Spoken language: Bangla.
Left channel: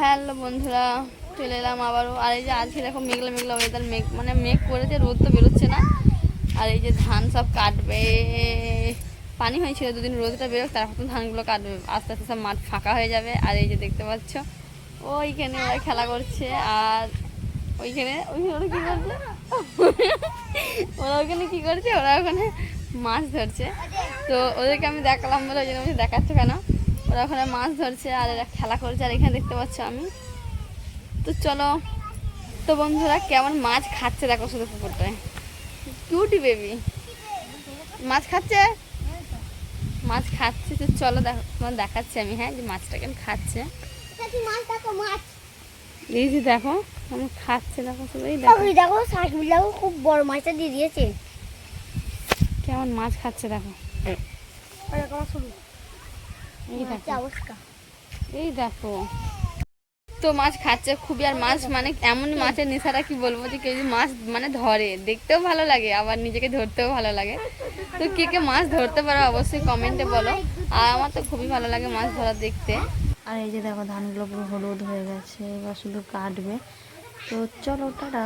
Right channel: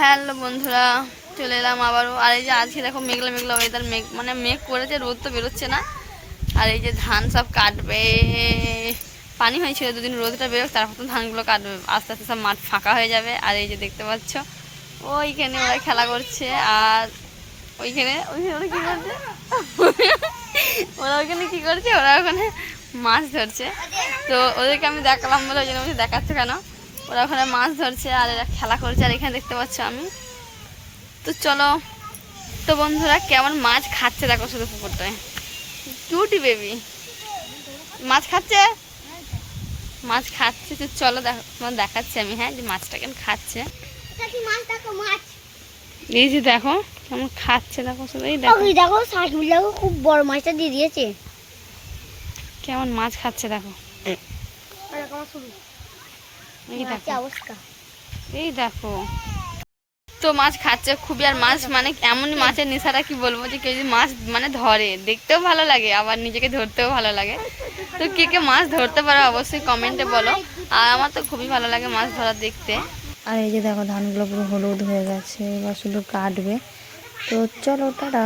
হ্যালো বন্ধুরা, চলে এলাম আবারও। আর এই যে আজকে দেখো মেঘলা মেঘলা ওয়েদার, মানে মেঘ করেছে, রোদ তো বেরোচ্ছে না। আর এই যে ধান সব কাটবে, পানি হয়েছিল দুদিন, রোদটা বেরোক তারপর তো ধানগুলো কাটবে, আস্তে আস্তে সব মাঠ ফাঁকা হয়ে যাবে। আর এই যে দেখতে পাচ্ছ ওইখানে ওরা খেলা করছে, আর ওইখানে ওইখানে ওরা কী করছে ওরা ওইখানে কী করছে, ওরা ওখানে মাছ ধরছে। তো ওদেরকে আমি দেখালাম বলে ওই জন্য বলছি দেখাচ্ছ কেন, ওরা ওখানে মাছ ধরছে আর এরা খেলা করছে। আর এখানে দেখতে পাচ্ছ আমি, তো চলো। তো বন্ধুরা কেমন মাছ খাচ্ছে দেখো শুধু পুকুরটায়, কিউটি বেবি মাছ খাচ্ছে, মাছ খাচ্ছে। তো চলো দেখো, তোমার দেখাচ্ছি আমি, হ্যাঁ, যে মাছটা কেমন খাচ্ছে। এই যে দেখো কেমন খাচ্ছে, দেখো শুধু, এই দেখো দেখো শাকগুলো খুব বড় মাছটা দিয়ে দিয়েছে, কেমন মাছ খাচ্ছে দেখো। এই দেখো, এই দেখো, তো মাছ খাচ্ছে খুবই। আর মাছ মানে এমনই মাছের নেশাটা কি বলবো, যে কেউ যদি মাছ মানে ধরে, দেখতেও ভালো লাগে আবার নিজেকে ধরতেও ভালো লাগে। তো কে কে মাছ ধরতে পারো অবশ্যই কমেন্টে বলো। আর আমার তো খুবই ভালো লাগে মাছ ধরা দেখতে। আর এই যে দেখো ধানগুলো পুরো হলুদ হয়ে গেছে, এবার শুধু কাটবে। তো চলো টাটা।